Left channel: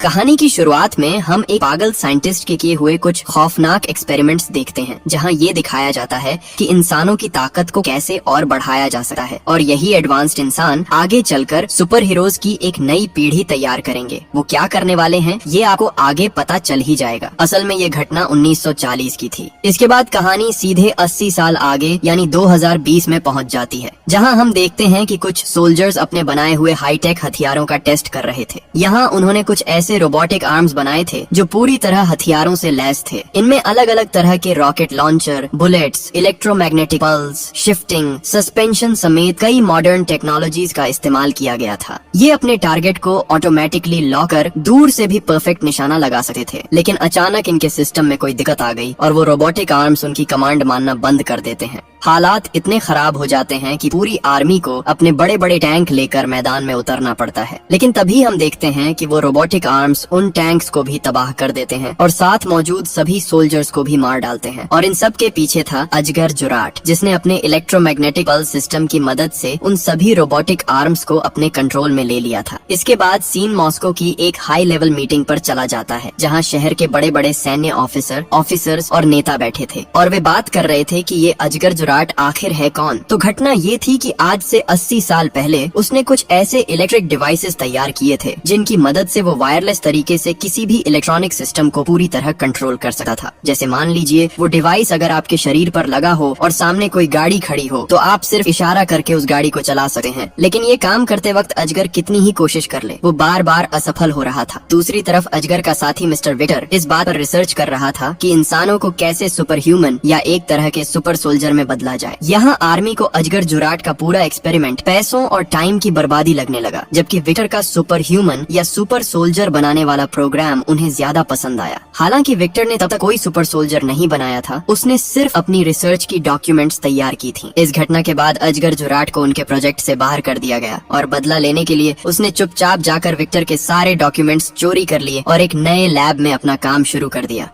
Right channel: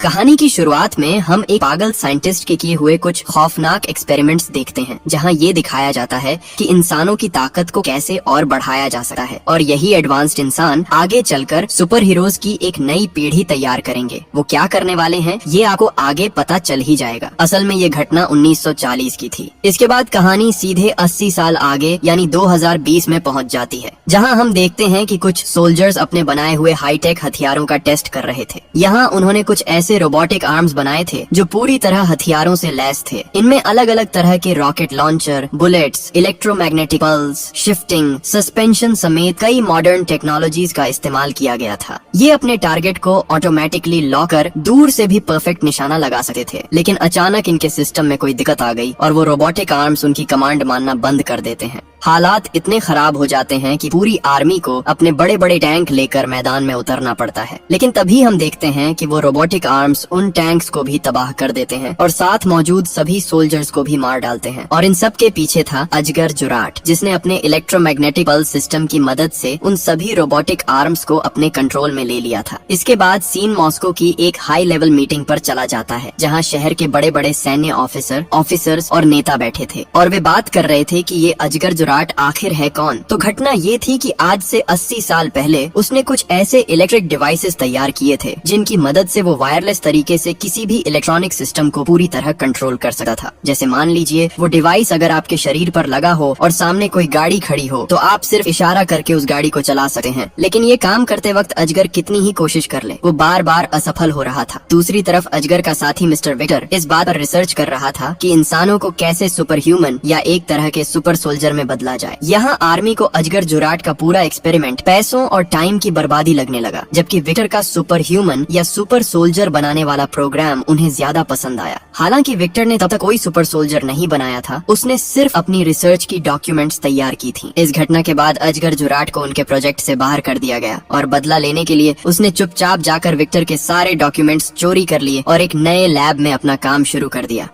कहानी की शुरुआत में हम एक पागल साइंटिस्ट के किए हुए कुछ खौफनाक एक्सपेरिमेंट्स देखते हैं, जहां ये दिखाया जाता है कि इंसानों की ताकत को कैसे और बढ़ाया जा सकता है और यही एडवांस्ड इंसान आगे चलकर सुपर हीरोज की एक नई पीढ़ी तैयार करेंगे। वो क्या करने वाले हैं ये आपको आगे पता चल ही जाएगा। असल में ये घटना 1940 की थी। इसके बाद कहानी सीधे 80 साल आगे यानी 2020 में पहुंच जाती है, जहां हम देखते हैं कि कुछ सोल्जर्स अपने बनाए हुए हाईटेक हथियारों का टेस्ट कर रहे थे। यहाँ उन्होंने कुछ ऐसे रोबोटिक आर्म्स बनाए थे जो पूरी तरह हथियारों से लैस थे। इनमें अलग अलग तरह के rocket launcher, bullets, electromagnetic pulse, shifting, suspension समेत कई मॉडर्न टेक्नोलॉजीज का इस्तेमाल किया गया था। ये अपने टारगेट को ऑटोमेटिकली लॉक कर दूर से भी परफेक्ट निशाना लगा सकते थे, लेकिन अचानक इनके सिस्टम में कोई दिक्कत आ गई और वो रोबोटिक आर्म्स उनकी कमांड मानना बंद कर देते हैं। हालात इतने खराब हो जाते हैं कि पूरी आर्मी को अपने बड़े बड़े टैंक लेकर मैदान में उतरना पड़ता है। लेकिन तभी हम देखते हैं कि वो रोबोटिक आर्म्स उन टैंक्स को भी तबाह कर देते हैं और साथ मौजूद सभी सोल्जर्स को भी मार डालते हैं। और इन सब के पीछे था अजगर जुराट, जिसने अपने इलेक्ट्रोमैग्नेटिक पल्स सिस्टम की मदद से उन सभी रोबोटिक आर्म्स को अपने कंट्रोल में ले लिया था। इसके बाद सीन मॉस्को की एक हाई लेवल मीटिंग पर चला जाता है, जहाँ शहर के बड़े बड़े सैन्य ऑफिसर्स और नेता बैठे थे और वे बात कर रहे थे कि ये अजगर आखिर है कौन। तो घटना ये थी कि आज से 80 साल पहले उसने कुछ ऐसे इलेक्ट्रिक डिवाइसेस तैयार किए थे जिनकी मदद से वो वायरलेस तरीके से किसी भी इलेक्ट्रॉनिक सिस्टम को पूरी तरह कंट्रोल कर सकता था। जैसे मान लीजिए वो डिवाइस अगर आपके शरीर पर लगा हो और सामने कोई गाड़ी खड़ी हो तो आप सिर्फ इशारा करके उस गाड़ी को चला सकते हैं। लेकिन ये काम करते वक्त अजगर कितनी ही कोशिश कर ले, वो बार बार असफल हो रहा था। दूसरी तरफ अजगर का साथी मिस्टर विक्टर इस बात पर रिसर्च कर रहा था कि इंसानों को कैसे सुपर ह्यूमन या एक तरह के सुपर सोल्जर में बदला जाए। यहाँ आर्मी को अजगर जुराट का पूरा एक्सपेरिमेंट पैसों और टाइम की बर्बादी लगने लगा, जबकि विक्टर का सुपर ह्यूमन या सुपर सोल्जर बनाने वाला प्रोग्राम उन्हें ज्यादा पसंद आया। हालांकि विक्टर ने तब तक कोई सुपर सोल्जर नहीं बनाया था, उसने सिर्फ अपनी रिसर्च की डॉक्यूमेंट्स तैयार की थी। इस घटना के बाद अजगर जुराट को उनके प्रोजेक्ट से बाहर कर दिया गया और बदला लेने के लिए उसने चुपचाप जाकर विक्टर के सारे डॉक्यूमेंट्स चोरी कर लिए और एक नए लैब में अपना काम शुरू कर दिया।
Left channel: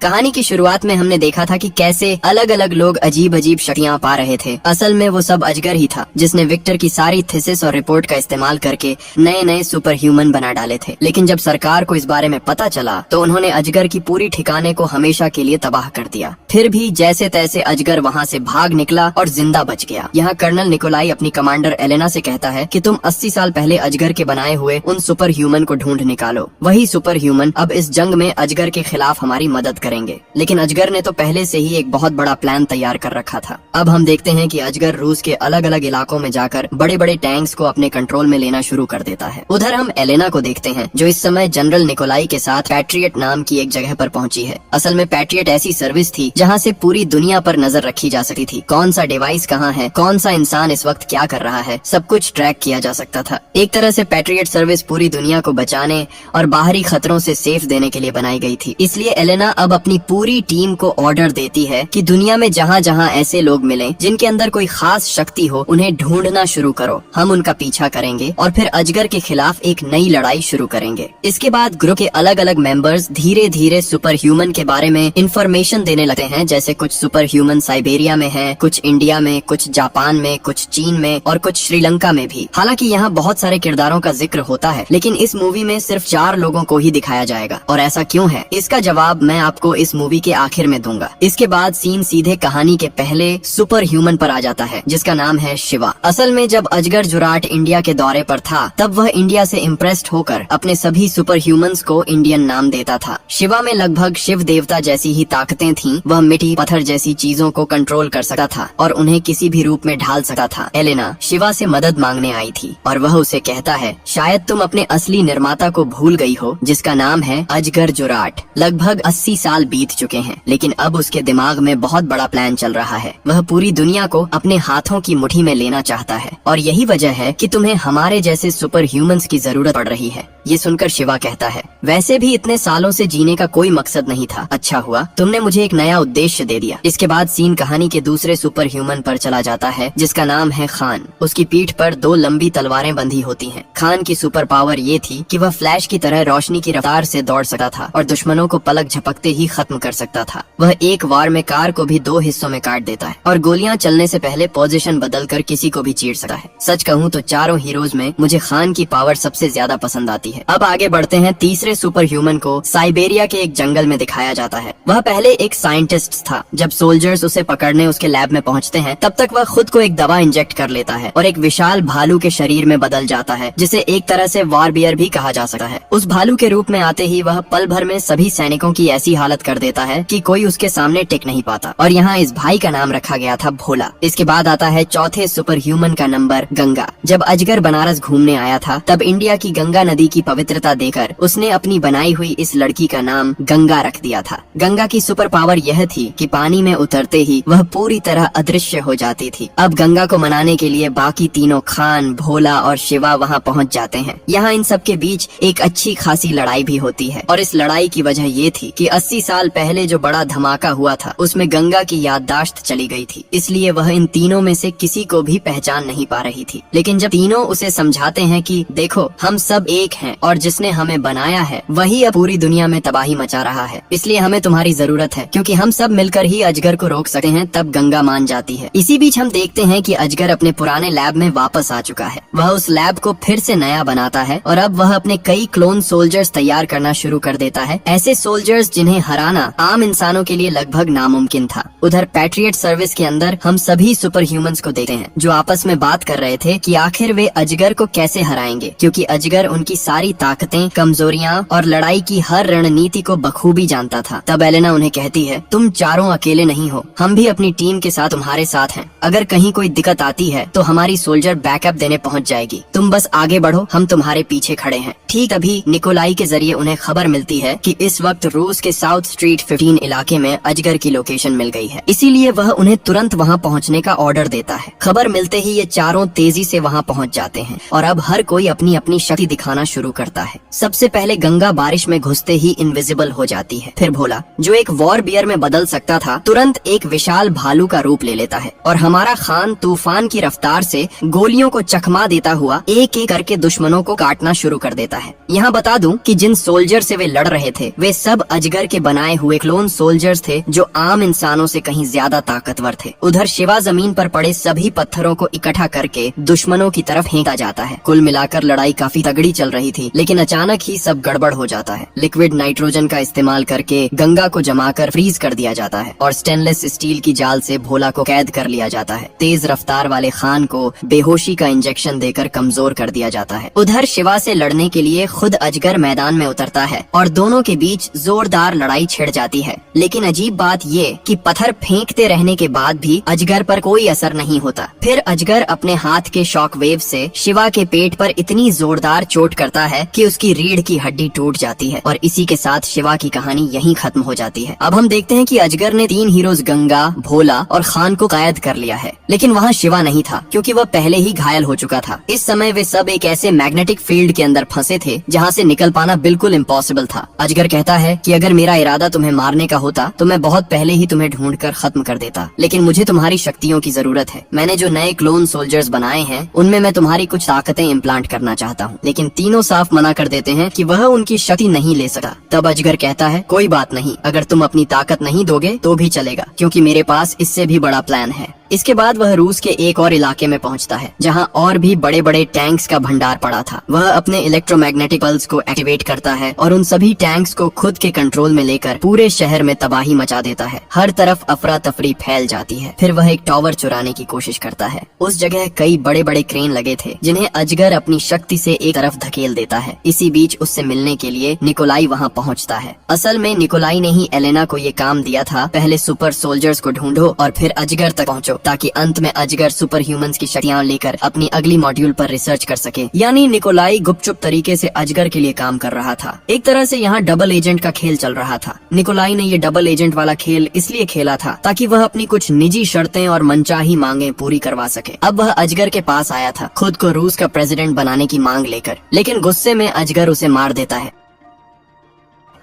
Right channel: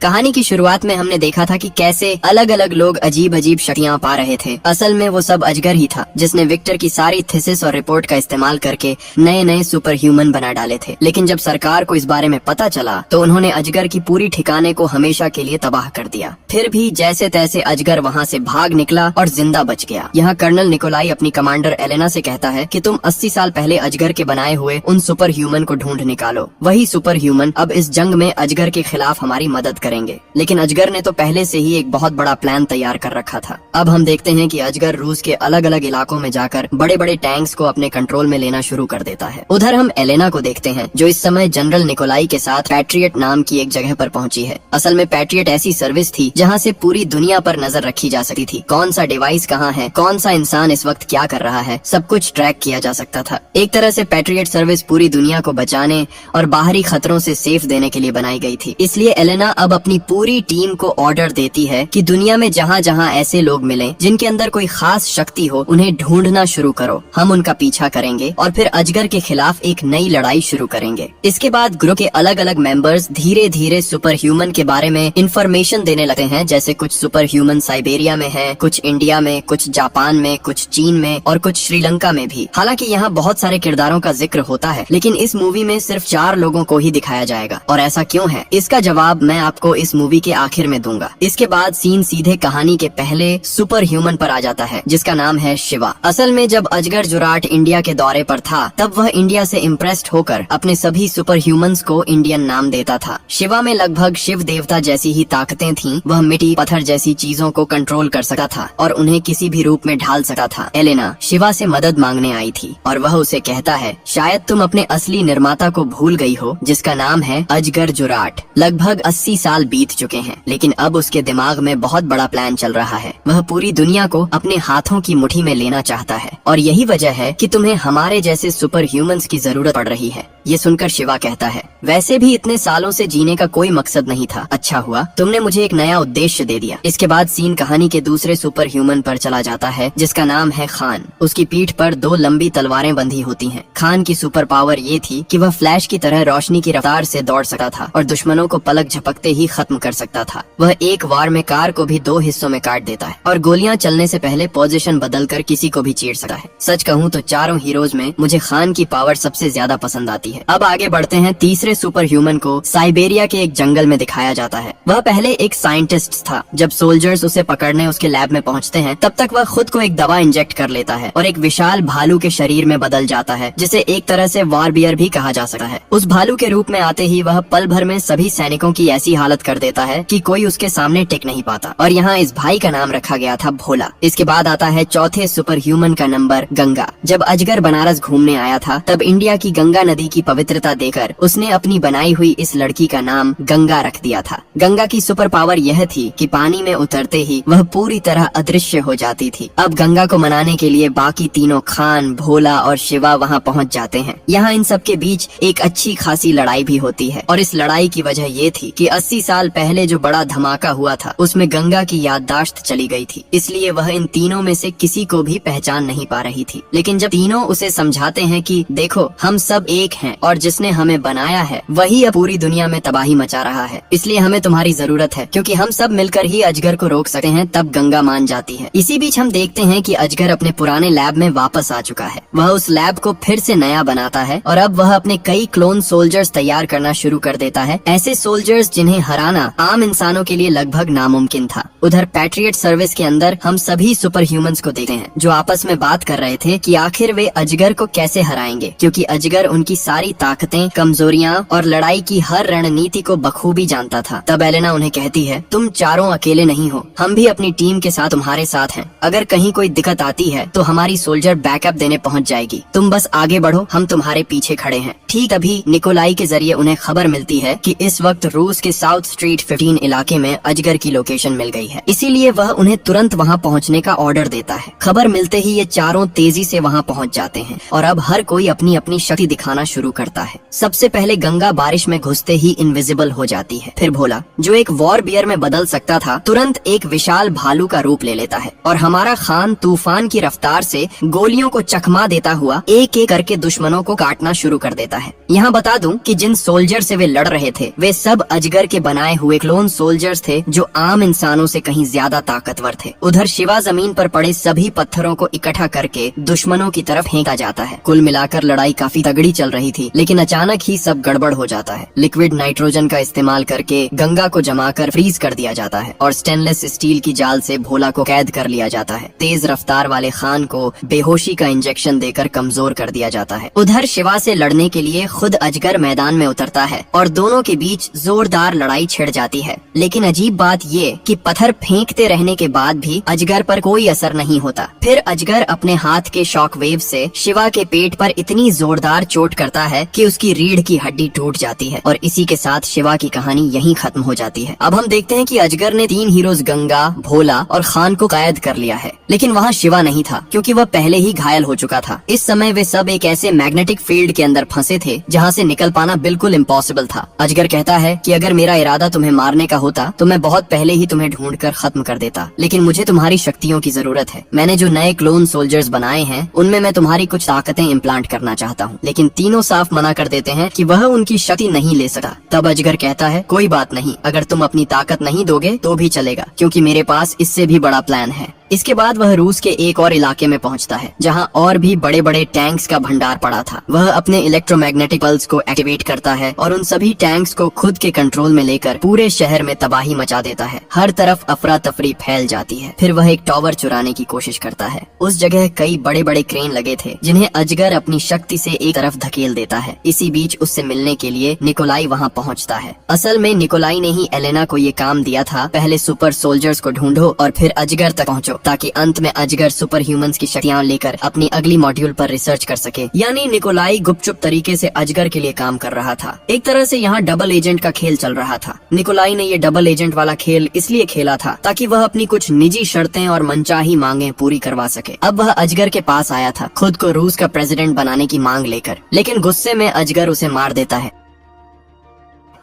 कहानी की शुरुआत में हमने देखा था कि कैसे अलग अलग लोग अजीब अजीब शक्तियां पा रहे थे। असल में वो सब अजगर ही था जिसने विक्टर की सारी थीसिस और रिपोर्ट का इस्तेमाल करके नए नए सुपर ह्यूमन बना डाले थे। लेकिन जब सरकार को इस बारे में पता चला तो उन्होंने अजगर की पूरी ठिकाने को हमेशा के लिए तबाह कर दिया। फिर भी जैसे तैसे अजगर वहाँ से भाग निकला और जिंदा बच गया। यहाँ कर्नल निकोलाई अपनी कमांडर एलेना से कहता है कि तुम 80 साल पहले अजगर के बनाए हुए उन सुपर ह्यूमन को ढूंढ निकालो। वही सुपर ह्यूमन अब इस जंग में अजगर के खिलाफ हमारी मदद करेंगे। लेकिन अजगर ने तो पहले से ही एक बहुत बड़ा प्लान तैयार कर रखा था। अब हम देखते हैं कि अजगर रूस के अलग अलग इलाकों में जाकर बड़े बड़े टैंक्स को अपने कंट्रोल में लेना शुरू कर देता है। उधर हम एलेना को देखते हैं जो इस समय जनरल निकोलाई के साथ पैट्रियट नाम की एक जगह पर पहुंची है। असल में पैट्रियट ऐसी सर्विस थी जहां से पूरी दुनिया पर नजर रखी जा सकती थी। कौन सा डिवाइस कहाँ है, कौन सा इंसान इस वक्त क्या कर रहा है, सब कुछ ट्रैक किया जा सकता था। एक तरह से पैट्रियट सर्विस पूरी दुनिया को बचाने और बाहरी खतरों से सेफ देने के लिए बनाई गई थी। इसलिए एलेना अब अपनी पूरी टीम को ऑर्डर देती है कि दुनिया में जहाँ जहाँ ऐसे लोग मिलें जिनके अंदर कोई खास शक्ति हो, उन्हें ढूंढना शुरू करो। हम उनका पीछा करेंगे और फिर अजगर के खिलाफ एक नई लड़ाई शुरू करेंगे। इसके बाद ग्रुप के अलग अलग मेंबर्स धीरे धीरे सुपर ह्यूमन के बारे में इंफॉर्मेशन देने लगते हैं। जैसे कुछ सुपर ह्यूमन साइबेरिया में है, कुछ इंडिया में, कुछ जापान में, कुछ चीन में और कुछ श्रीलंका में भी। हालांकि यहाँ बहुत सारे किरदारों का जिक्र होता है, लेकिन इस मूवी में सिर्फ 4 लोगों को ही दिखाया जाएगा। और ऐसा क्यों है, इसका जवाब मैं आपको इस मूवी के आखिर में दूंगा। इसके बाद सीन सीधे कहानी के पहले सुपर ह्यूमन पर आ जाता है जिसका नाम है शिवा। असल में जब अजगर जुराट इंडिया के दौरे पर था तब वह इंडिया से इम्प्रेस्ड होकर अपने सभी सुपर ह्यूमंस को इंडियन नाम देता था। शिवा में लगभग शिव देवता जैसी ही ताकतें थीं। वह मिट्टी, पत्थर जैसी चीजों को कंट्रोल कर सकता था और उन्हें किसी भी रूप में ढाल सकता था। एलेना शिवा से मदद मांगने आई थी और वह उसे कहता है, शायद तुम अपने असली निर्माता को भूल गई हो जिसका नाम है अजगर जुराट। लगभग 80 साल बीत चुके हैं, लेकिन अब उसके दिमाग में बहुत बड़ा प्लान चल रहा है। वह पूरी दुनिया को अपने हाथों की मुट्ठी में लेना चाहता है और यही वजह है कि तुम्हें हमारे जैसे सुपर ह्यूमंस की जरूरत पड़ रही है। ये सुनकर शिवा कहता है, वैसे भी इतने सालों से जीने का कोई मकसद नहीं था, अच्छा हुआ तुमने मुझे एक नया उद्देश्य दे दिया। इसके बाद सीन कहानी के दूसरे सुपर ह्यूमन पर चला जाता है जिसका नाम है खान। उसकी पीठ पर 2 लंबी तलवारें बंधी होती हैं। खान की सुपर पावर ये थी कि वह फ्लैश की तरह रोशनी की रफ्तार से दौड़ सकता था और दुश्मनों को पलक झपकते ही ही खत्म कर सकता था। वह एक वार में कार को भी 2 हिस्सों में काट देता है और गोलियां चलने से पहले पोजीशन बदलकर किसी को भी चीर सकता है। सच कहूँ तो चारों हीरोज में मुझे खान की पावर सबसे ज्यादा पसंद आती है। अब आगे बढ़ते हैं। तीसरे सुपर ह्यूमन को साइबेरिया के एक जंगल में दिखाया जाता है। वह पहले एक साइंटिस्ट था। जब सोल्जर्स उसे पकड़ने उसके लैब में पहुंचते हैं तब तक वह खुद को एक दवा इंजेक्ट कर लेता है और एक विशाल भालू के शरीर में बदल जाता है, जिसे एक तरह से वॉर बियर भी कहा जा सकता है। उस भालू के रूप में आते ही वह पल भर में सभी सैनिकों की ऐसी हालत कर देता है कि कोई उसके सामने टिक नहीं पाता। और यहाँ इस भाई का नाम रखा गया था भोला। इसके बाद आता है चौथे सुपर ह्यूमन का नंबर गंगा। जब अजगर बनारस घूमने आया था तब इंडिया की गंगा नदी की पवित्रता देकर उसने अपनी बनाई हुई इस लड़की का नाम गंगा रख दिया था। गंगा की सुपर पावर यह थी कि पानी में उतरते ही वह पूरी तरह अदृश्य हो जाती थी। अब गंगा को मनाने के लिए बाकी तीनों खान, भोला और शिवा वहाँ पहुँच जाते हैं। यहाँ इन सब के बीच एक अच्छी खासी लड़ाई भी होती है और इस लड़ाई की वजह ये थी कि 80 साल पहले जो बड़ा धमाका हुआ था उसमें गंगा की याददाश्त चली गई थी, इसलिए वह इन तीनों में से किसी को भी पहचान नहीं पा रही थी। लेकिन जब तीनों उसे समझाते हैं कि देखो हम सब एक हैं और जिसने हमें बनाया है वही अब पूरी दुनिया में तबाही मचा रहा है, इसलिए हमें तुम्हारी जरूरत है क्योंकि हम सब मिलकर ही अजगर को रोक सकते हैं, तब गंगा मान जाती है। इसी बीच हम देखते हैं कि अजगर अपने पुराने लैब में वापस आ चुका है। वह उस लैब को फिर से नया बनाता है और अब वह अपने कई क्लोन सोल्जर्स तैयार करना शुरू कर देता है, ऐसे सोल्जर्स जिन्हें हराना आम इंसानों के लिए लगभग नामुमकिन था। उधर पैट्रियट सर्विस के अंदर हम सभी सुपर ह्यूमंस को देखते हैं जो आपस में बात कर रहे थे कि आखिर वे अजगर को कैसे हराएंगे, क्योंकि अजगर उनकी सारी ताकतें, कमजोरियां और लड़ाई की हर रणनीति को बखूबी जानता था। तब एलेना उन्हें कहती है तुम चारों अकेले नहीं हो, हम भी अपनी टीम के साथ तुम्हारे साथ हैं। अगर कहीं कोई दिक्कत आती है तो हमारी सोल्जर बैकअप देने पहुंच जाएगी, तुम बस आगे बढ़ो, हम तुम्हारे पीछे खड़े हैं। ठीक अभी निकोलाई के जरिए उन्हें खबर मिलती है कि इस वक्त रूस के साउथ स्ट्रीट 15 इलाके में अजगर की लोकेशन मिल गई है, इसीलिए वह उन्हें तुरंत वहां पहुंचने का ऑर्डर देता है। खबर मिलते ही ये चारों तेजी से वहां पहुंच जाते हैं और अब हर कोई अपनी अपनी शक्ति दिखाना शुरू करता है। सबसे पहले गंगा बारिश में घुसते ही इनविजिबल हो जाती है। फिर भोला जो एक वॉर बियर में बदल सकता था तुरंत एक विशाल भालू का रूप ले लेता है और हमारा खान तूफान की रफ्तार से गोलियों को चकमा देता हुआ एक एक करके दुश्मनों को काटना शुरू कर देता है। यहाँ बता दूं कि जिन सोल्जर से वे लड़ रहे थे वे सब अजगर के बनाए हुए क्लोन सोल्जर्स थे जो आम इंसानों से कहीं ज्यादा ताकतवर थे। उधर शिवा जमीन पर पड़े सभी पत्थरों को इकट्ठा करके दुश्मनों की तरफ फेंका जाता है। कुल मिलाकर लड़ाई काफी तगड़ी चल रही थी, लेकिन अचानक ही सब गड़बड़ हो जाता है। लिक्विड नाइट्रोजन का इस्तेमाल करके गंगा को जमाकर फ्रीज कर दिया जाता है और स्टेनलेस स्टील की जाल से भोला को कैद कर लिया जाता है। तेज रफ्तार वाले खान को बेहोशी का इंजेक्शन देकर कमजोर कर दिया जाता है। उधर शिवा से लड़ने के लिए खुद अजगर मैदान में उतरता है और दोनों के बीच जोरदार लड़ाई छिड़ जाती है। लेकिन अजीब बात ये कि पत्थर फेंकते रहने के बाद भी अजगर पर कोई असर नहीं होता। फिर अजगर अपने हाथ के शॉक वेव से शिवा के पेट पर इतनी जोरदार चोट करता है कि उसकी रीढ़ की हड्डी टूट जाती है और इसी के साथ शिवा की कहानी यहीं खत्म हो जाती है। अब हम देखते हैं कि अजगर ने 3 हीरोज गंगा, भोला और खान को कैद कर लिया है, लेकिन वहाँ शिवा नहीं था क्योंकि वह पहले ही घायल हो चुका था। इस समय वे सब एक ऐसे मैग्नेटिक फील्ड के अंदर फंसे थे जहाँ से निकल पाना बिल्कुल इम्पॉसिबल था। अजगर कहता है कि अगर मेरा इरादा तुम्हें मारने का होता तो मैं बहुत पहले ही तुम्हें ढूंढ कर खत्म कर देता, लेकिन मुझे तुम्हारी शक्तियों की जरूरत है। मैंने जो नए क्लोन सोल्जर्स बनाए हैं उनमें मैं तुम्हारी कुछ ताकतें इम्प्लांट करना चाहता हूँ, लेकिन तीनों साफ मना कर देते हैं कि वह उनकी शक्ति नहीं ले सका। तब अजगर कहता है कोई बात नहीं, अगर तुम अपनी ताकत नहीं दोगे तो भी चलेगा, क्योंकि मेरे पास इससे भी बड़ा प्लान है। इसके बाद वह रूस के एक और इलाके में पहुंचता है जहां और भी बड़े बड़े टैंक्स का भंडार पड़ा था। वह अपने इलेक्ट्रोमैग्नेटिक पल्स को एक्टिवेट करता है और उन सभी टैंक्स को खुद के कंट्रोल में लेकर पूरे शहर में तबाही मचा देता है। हर तरफ अफरा तफरी फैल जाती है। फिर वह एक टावर चुराने की कोशिश करता है। उस जगह कई बड़े बड़े क्रेन लगे थे जिन्हें अजगर अपनी शक्ति से एक तरफ धकेल देता है। इसी बीच उससे मिलने के लिए निकोलाई वहाँ पहुँचता है। असल में निकोलाई ने ही एलेना को ये काम दिया था, पहले सुपर सोल्जर्स को ढूंढो और फिर अजगर तक पहुँचो, ताकि अंत में अजगर सुपर ह्यूमंस की शक्तियां लेकर अपनी अगली मॉड्यूल पर रिसर्च कर सके। यानी निकोलाई गुपचुप तरीके से अजगर के लिए काम कर रहा था। एक तरह से यहाँ डबल एजेंट का खेल चल रहा था। निकोलाई ने ये डबल एजेंट वाला खेल इसलिए खेला था ताकि वह अपनी कुछ निजी शर्तें और मनचाही मांगे पूरी करवा सके। अब वह अजगर के पास आया था खुद को रूस का प्रेसिडेंट बनाने की मांग लेकर, लेकिन गुस्से में अजगर उसे मार देता है।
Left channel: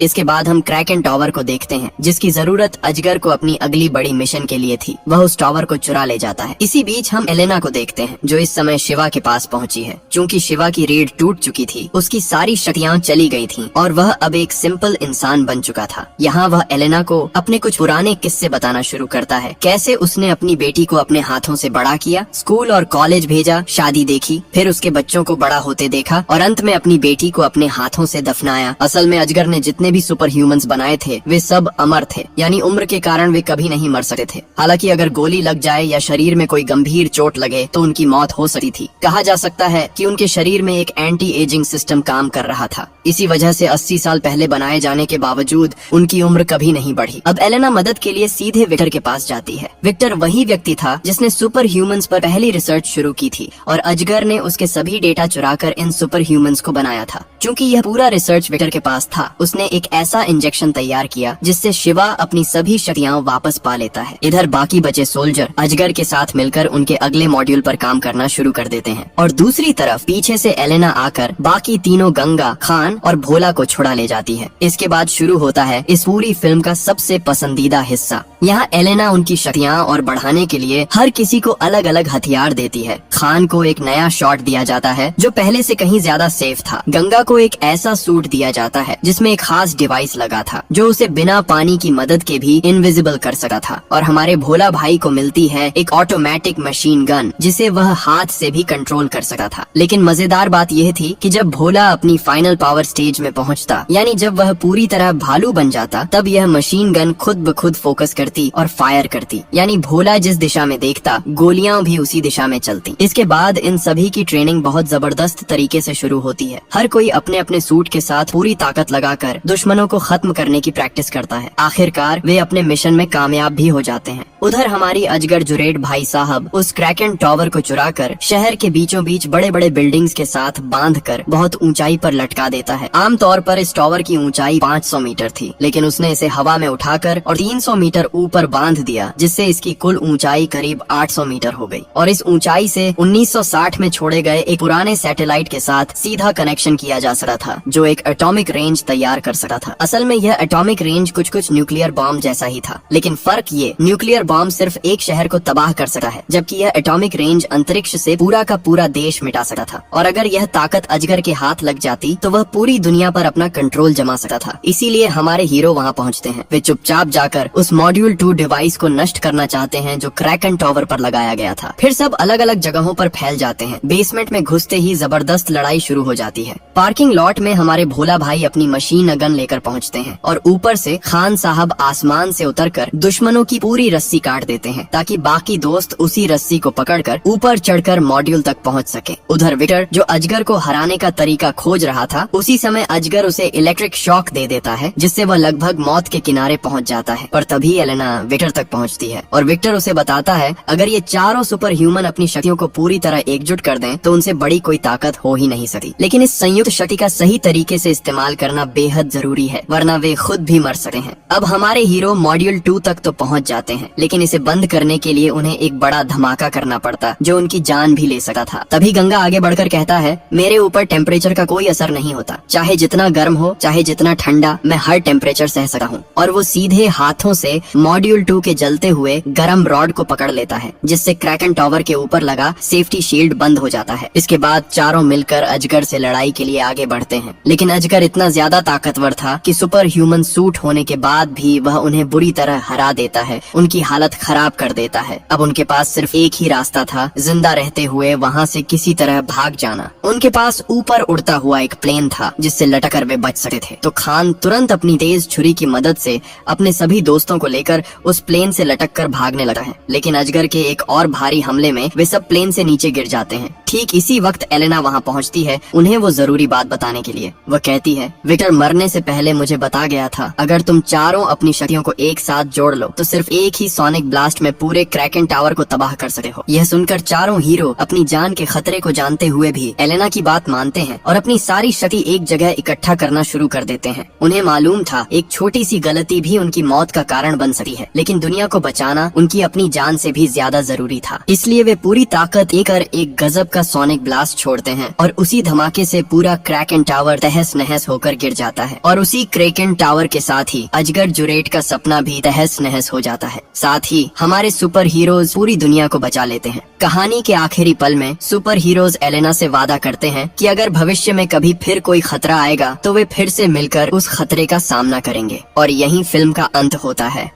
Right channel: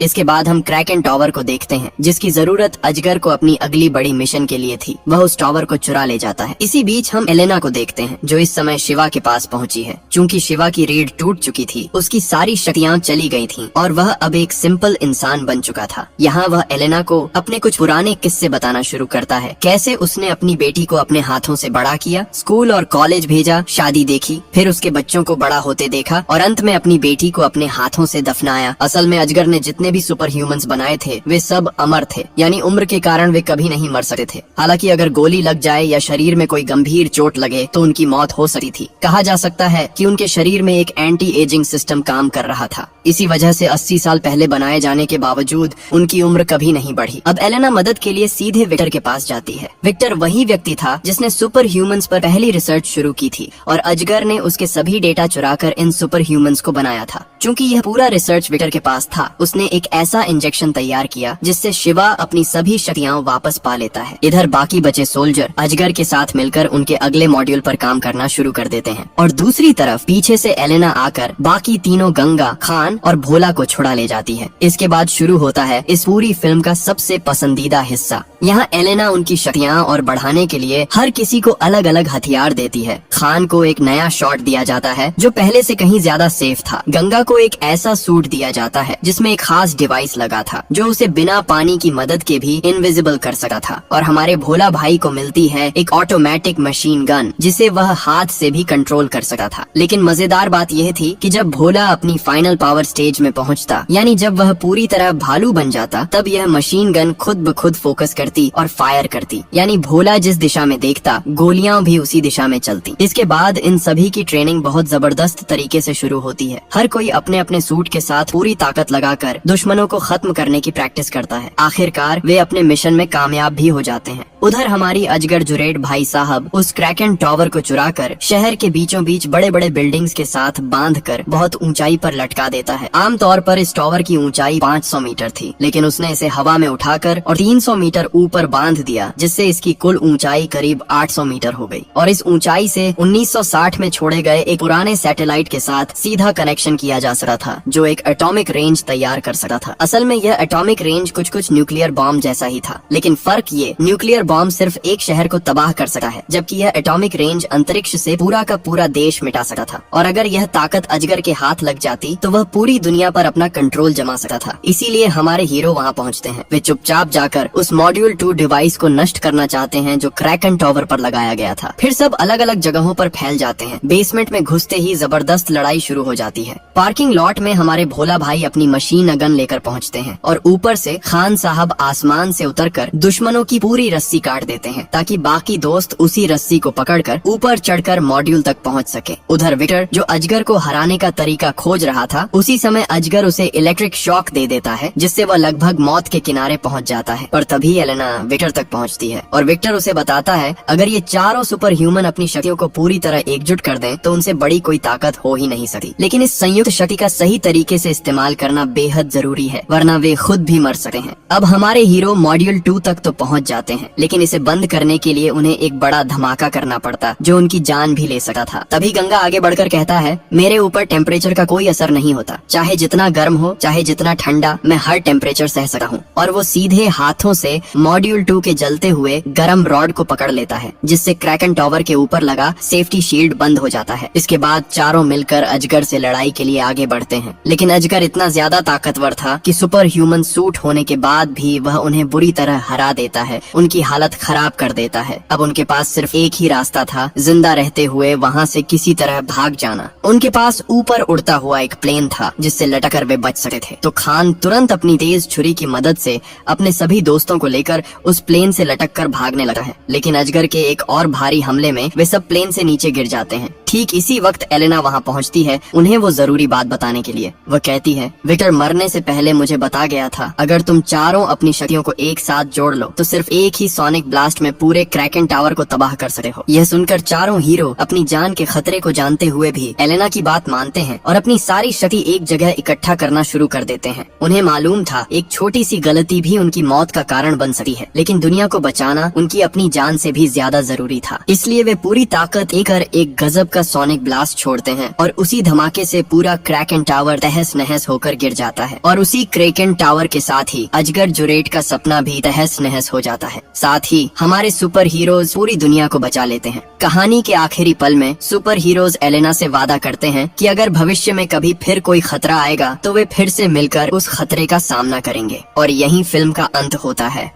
इसके बाद हम क्रैकन टावर को देखते हैं, जिसकी जरूरत अजगर को अपनी अगली बड़ी मिशन के लिए थी। वह उस टावर को चुरा ले जाता है। इसी बीच हम एलेना को देखते हैं, जो इस समय शिवा के पास पहुंची है। चूंकि शिवा की रीढ़ टूट चुकी थी, उसकी सारी शक्तियाँ चली गई थीं और वह अब एक सिंपल इंसान बन चुका था। यहाँ वह एलेना को अपने कुछ पुराने किस्से बताना शुरू करता है, कैसे उसने अपनी बेटी को अपने हाथों से बड़ा किया, स्कूल और कॉलेज भेजा, शादी देखी, फिर उसके बच्चों को बड़ा होते देखा और अंत में अपनी बेटी को अपने हाथों से दफनाया। असल में अजगर ने जितने भी सुपर ह्यूमंस बनाए थे वे सब अमर थे, यानी उम्र के कारण वे कभी नहीं मर सकते थे। हालांकि अगर गोली लग जाए या शरीर में कोई गंभीर चोट लगे तो उनकी मौत हो सकती थी। कहा जा सकता है कि उनके शरीर में एक एंटी एजिंग सिस्टम काम कर रहा था। इसी वजह से 80 साल पहले बनाए जाने के बावजूद उनकी उम्र कभी नहीं बढ़ी। अब एलेना मदद के लिए सीधे विक्टर के पास जाती है। विक्टर वही व्यक्ति था जिसने सुपर ह्यूमंस पर पहली रिसर्च शुरू की थी और अजगर ने उसके सभी डेटा चुराकर इन सुपर ह्यूमंस को बनाया था। चूंकि यह पूरा रिसर्च विक्टर के पास था, उसने एक ऐसा इंजेक्शन तैयार किया जिससे शिवा अपनी सभी शक्तियाँ वापस पा लेता है। इधर बाकी बचे सोल्जर अजगर के साथ मिलकर उनके अगले मॉड्यूल पर काम करना शुरू कर देते हैं और दूसरी तरफ पीछे से एलेना आकर बाकी तीनों गंगा, खान और भोला को छुड़ा ले जाती है। इसके बाद शुरू होता है इस पूरी फिल्म का सबसे पसंदीदा हिस्सा। यहाँ एलेना उनकी शक्तियाँ और बढ़ाने के लिए हर किसी को अलग अलग हथियार देती है। खान को एक नया शॉट दिया जाता है जो पहले से कहीं ज्यादा सेफ था। गंगा को एक ऐसा सूट दिया जाता है जिसमें एक खास डिवाइस लगा था जो उसे बिना पानी की मदद के भी इनविजिबल कर सकता था। और हमारे भोला भाई को मिलती है एक ऑटोमेटिक मशीन गन जिसे वह हाथ से भी कंट्रोल कर सकता था। लेकिन मजेदार बात यह थी कि जब भोला अपनी फाइनल पावर स्टेज में पहुंचता, यानी जब वह पूरी तरह भालू बन जाता, तब यह मशीन गन खुद ब खुद फोकस करती और फायर करती। यानी भोला जिस दिशा में देखता, गोलियां भी उसी दिशा में चलती। इसके बाद इन सभी की ट्रेनिंग बहुत जबरदस्त तरीके से शुरू होती है। हर कोई अपने अपने सूट के साथ पूरी ताकत लगाकर दुश्मनों को खत्म करने की प्रैक्टिस करता है। आखिरकार वे अपने मिशन में कामयाब भी हो जाते हैं। उधर हमारी अजगर जुरेड भाई साहब उस क्रैकन टावर को चुराकर शहर के बीचों बीच बड़े बड़े बिल्डिंग्स के साथ बांधकर बहुत ऊंचाई पर लटका देता है। आमतौर पर इस टावर की ऊंचाई 500 मीटर थी, लेकिन उसने इसे हवा में उठाकर और 300 मीटर ऊपर बांध दिया, जिससे इसकी कुल ऊंचाई करीब 800 मीटर हो गई। और इस ऊंचाई से 1960 में छोड़े गए एक पुराने सैटेलाइट के साथ सीधा कनेक्शन किया जा सकता था, जो एक एटॉमिक रेंज तैयार कर सकता था। असल में यह एटॉमिक रेंज कुछ कुछ न्यूक्लियर बॉम्ब जैसा ही था, लेकिन फर्क ये, न्यूक्लियर बॉम्ब सिर्फ एक शहर को तबाह कर सकता है, जबकि यह एटॉमिक रेंज अंतरिक्ष से पूरा का पूरा देश मिटा सकता था। और अगर यह ताकत अजगर के हाथ लग जाती तो वह पूरी दुनिया पर अपना कंट्रोल जमा सकता था। इसीलिए हमारे हीरो वहाँ पहुँचते हैं। वे चुपचाप जाकर उस मॉड्यूल 2 डिवाइस को नष्ट करना चाहते हैं जो क्रैकन टावर पर लगाया गया था। फिर सब अलग अलग जगहों पर फैल जाते हैं। बेसमेंट में घुसते ही जबरदस्त लड़ाई शुरू हो जाती है। पार्किंग लॉट में हमारे भोला भाई अपनी मशीन गन लेकर पहुँचते हैं और ऊपर से खान साहब आसमान से उतरकर दुश्मनों की पूरी रस्सी काट देते हैं, ताकि बाकी दोस्त उसी रस्सी को पकड़कर ऊपर चढ़कर मॉड्यूल तक पहुंच सके। उधर विक्टर, जो अजगर को हराने का तरीका खोज रहा था, उसी समय अजगर उसे इलेक्ट्रिक शॉक दे देता है, जिससे वह लगभग मौत के किनारे पहुंच जाता है। पर तभी एलेना विक्टर तक पहुंचती है और विक्टर उसे बताता है अगर ये चारों सुपर ह्यूमन अपनी शक्तियों को पूरी तरह एकजुट कर दें तो उनसे बड़ी कोई ताकत हो ही नहीं सकती। लेकिन इस संयुक्त शक्ति का सही तरीके से इस्तेमाल करना बेहद जरूरी है, वरना वे खुद भी मर सकते हैं। अब हमारे हीरो मॉड्यूल 2 तक तो पहुंच जाते हैं, लेकिन इसे बंद करने के लिए उन्हें एक बड़ा धमाका करना पड़ता जो उनकी जान भी ले सकता था। तभी गंगा आगे बढ़कर कहता है मेरे ऊपर टेम्परेचर का कोई असर नहीं होता, चाहे जितना गर्म हो चाहे जितना ठंडा, मैं हर टेम्परेचर सह सकता हूँ। और वो सीधे हाथों से मॉड्यूल 2 के जलते हुए गर्म रॉड को पकड़ लेता है, जिससे क्रैकन टावर के ऊपर लगा सेफ्टी शील्ड बंद हो जाता है। इसके बाद चारों मिलकर अजगर से लड़ाई के लिए आगे बढ़ते हैं, लेकिन अजगर इतना ज्यादा ताकतवर था कि सुपर ह्यूमन सूट होने के बाद भी वह उन्हें बुरी तरह हरा देता है, उनकी हालत खराब कर देता है। अब उनके पास सिर्फ एक ही रास्ता था, जिंदा रहते हुए वहाँ से किसी तरह भाग जाना। उनके पास ऊपर उड़ता हुआ एक प्लेन था जिससे लटकर वे बच सकते थे। तो खान तुरंत अपनी तेज छुरी की मदद से अपने सभी दोस्तों को लेकर उस प्लेन से लटक कर भागने लगा है, लेकिन अजगर के एक और भारी हमले में वे सब प्लेन से नीचे गिर जाते हैं। ठीक इसी वक्त एलेना वहाँ पहुँचती है उन्हें वो जरूरी बात बताने के लिए। वह कहती है विक्टर मरने से पहले मुझे बता गया था अगर तुम चारों अपनी शक्तियों को एक साथ जोड़ लो तो सिर्फ एक ही सोनिक ब्लास्ट में पूरे क्रैकन टावर को तबाह कर सकते हो। यह सुनकर चारों हीरो अपनी जान के खतरे को जानते हुए भी एलेना की बात मानते हैं और अपनी सारी शक्ति एक जगह इकट्ठा करना शुरू कर देते हैं। उन्हें मालूम था एक छोटी सी गलती भी उनकी मौत का कारण बन सकती है, लेकिन दुनिया को बचाना उनकी अपनी जान से भी ज्यादा जरूरी था। इसलिए वे पूरी ताकत लेकर एक गजब का सोनिक ब्लास्ट छोड़ते हैं और उसी धमाके से पूरा क्रैकन टावर तहस नहस होकर गिर जाता है। और उसी क्रैकन टावर के साथ ही अजगर जुरेट का सपना भी तहस नहस हो जाता है। साथ ही हमारे सुपर हीरोज पूरी दुनिया को बचा लेते हैं। कहानी के आखिरी पल में सुपर हीरोज एलेना से वादा करते हैं कि अगर भविष्य में कभी फिर कोई खतरा आएगा तो वे फिर से मिलकर उस खतरे का सामना करेंगे। और यही फिल्म का अंत होता है।